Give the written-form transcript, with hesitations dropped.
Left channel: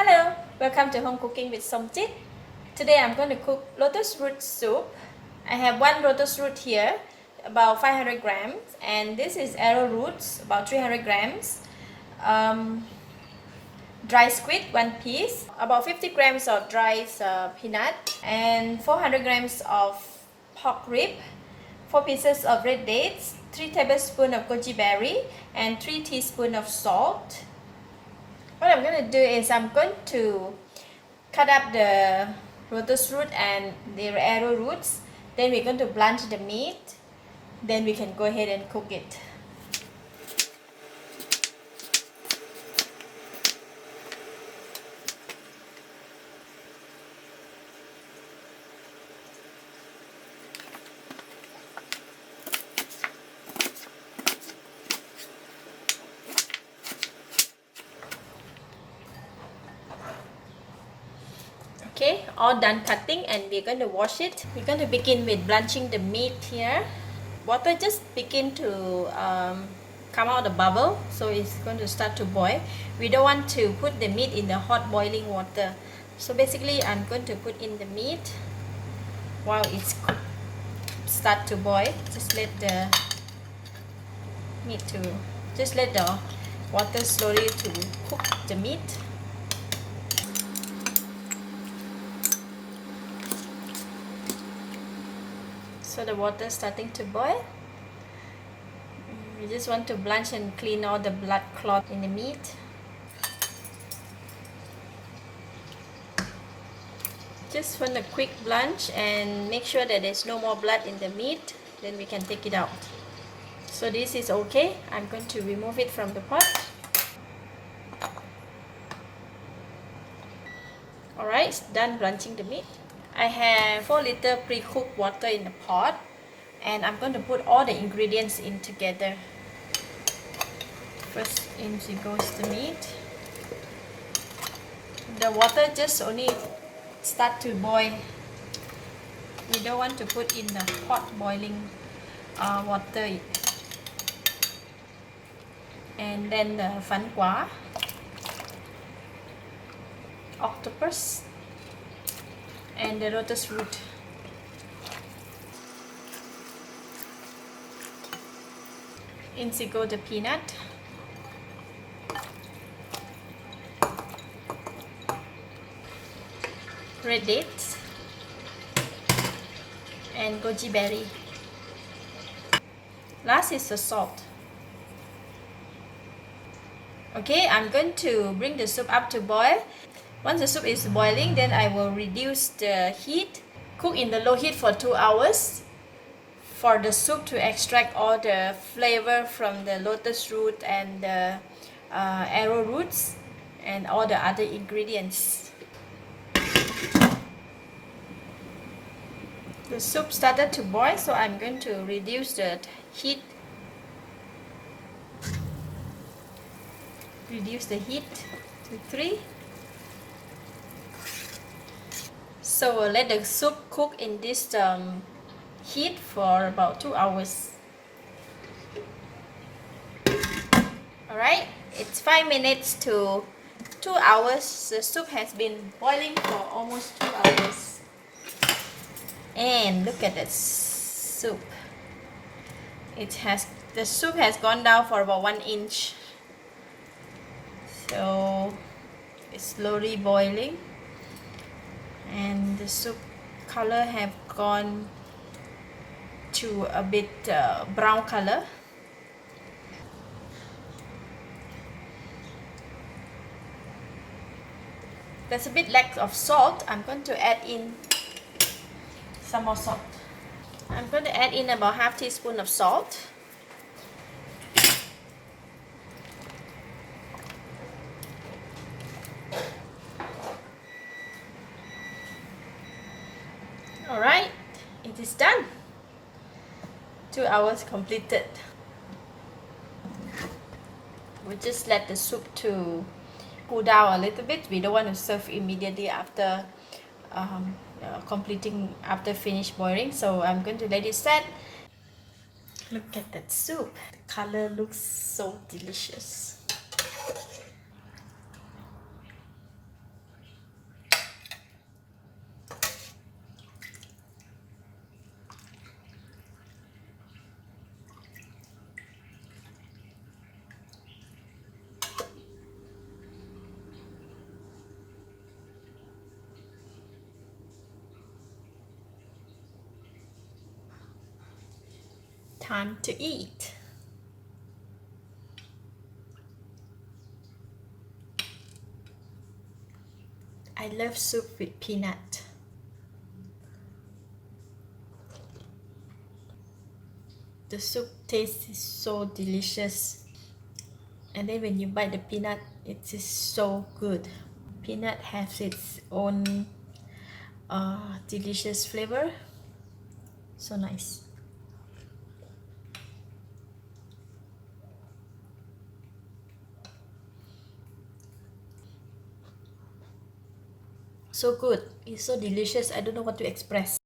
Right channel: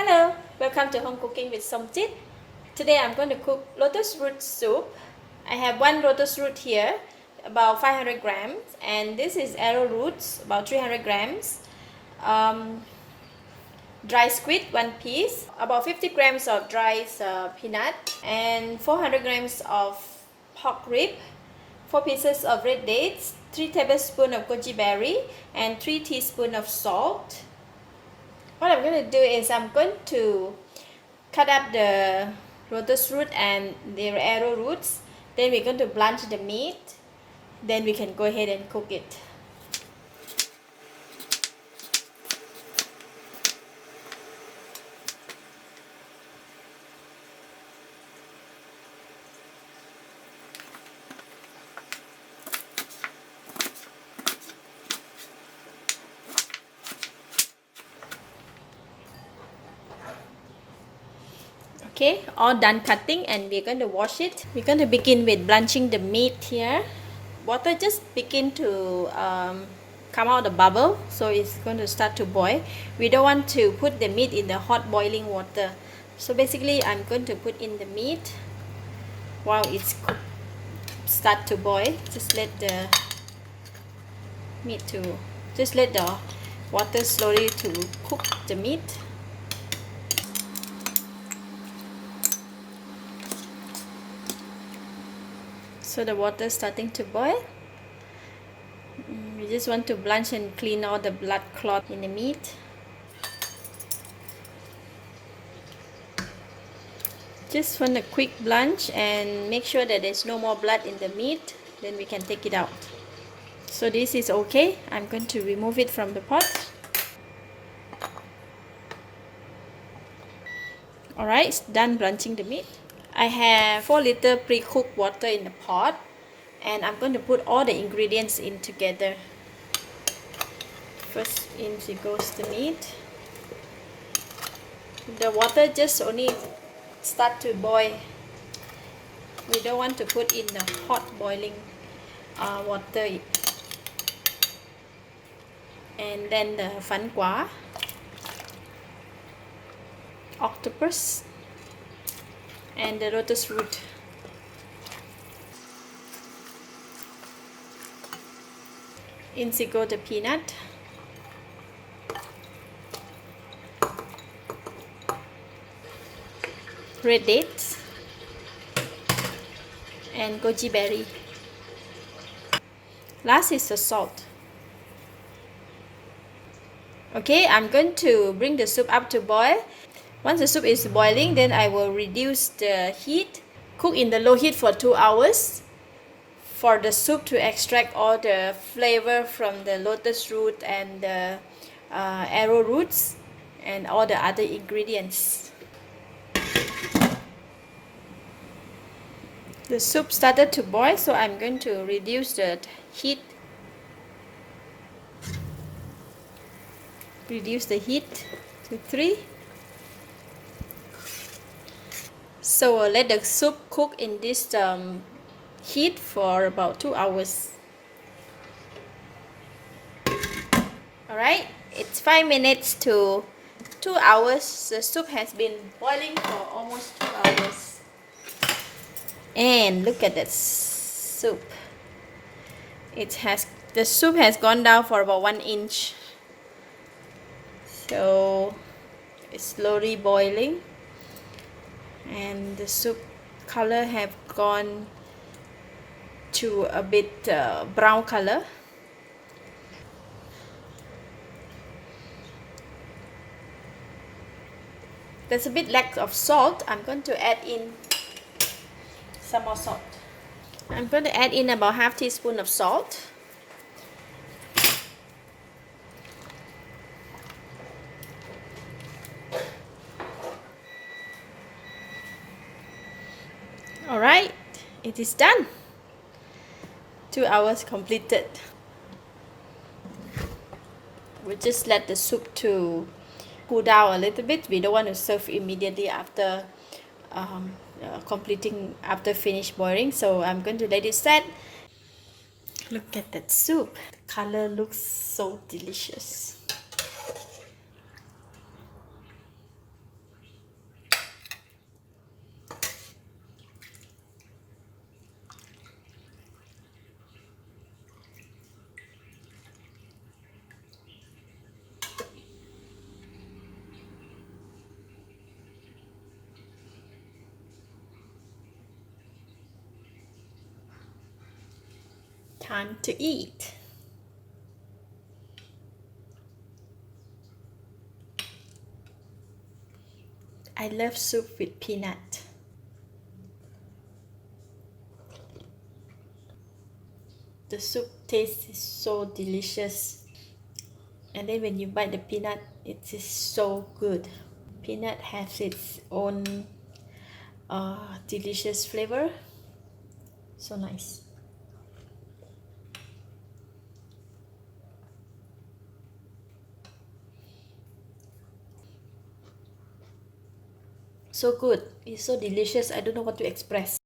Hello, welcome to Home Cooking with Somjit. Today I'm going to cook lotus root soup. I have one lotus root here, about 500 grams, and this is arrowroots, about 300 grams. Dry squid, one piece, about 50 grams of dry peanut, and 400 grams of pork rib, 4 pieces of red dates, 3 tablespoons of goji berry, and 3 teaspoons of salt. What I'm going to do is I'm going to cut up the lotus root and the arrowroots. Then we're going to blanch the meat. Then we can go ahead and cook it. Okay, all done cutting, and we're going to wash it. We're going to begin with blanching the meat here. Water just begin to come out the bubble, so it's going to start to boil. We don't want to put the meat in the hot boiling water. So basically I'm going to put in the meat while it's start to boil. Just let the water slowly to cook the meat. So the water is starting to boil. We just want to blanch and clean all the blood clot in the meat. Just want a quick blanch and make sure that there's no more blood in the meat, then we can take it out. So this is okay. I'm going to remove it from the pot. Alright, it's done blanching the meat. I have 4 liter pre-cooked water in the pot, and I'm going to put all the ingredients in together. First in goes the meat. The water just only start to boil. We don't want to put in the hot boiling water. And then the phán quả, octopus, and the lotus root. In go the peanut, red dates, and goji berry. Last is the salt. Okay, I'm going to bring the soup up to boil. Once the soup is boiling, then I will reduce the heat. Cook in the low heat for 2 hours for the soup to extract all the flavor from the lotus root and the arrowroots and all the other ingredients. The soup started to boil, so I'm going to reduce the heat. Reduce the heat to 3. So let the soup cook in this heat for about 2 hours. Alright, it's 5 minutes to 2 hours. The soup has been boiling for almost 2 hours. And look at that soup. The soup has gone down for about 1 inch. So it's slowly boiling, and the soup color have gone to a bit brown color. There's a bit lack of salt. I'm going to add in some more salt. I'm going to add in about half teaspoon of salt. Alright, it is done. 2 hours completed. We just let the soup to cool down a little bit. We don't want to serve immediately after after finish boiling. So I'm going to let it set. Look at that soup. The color looks so delicious. time to eat. I love soup with peanut. The soup taste is so delicious, and then when you bite the peanut, it is so good. Peanut has its own delicious flavor, so nice. So good, it's so delicious, I don't know what to express.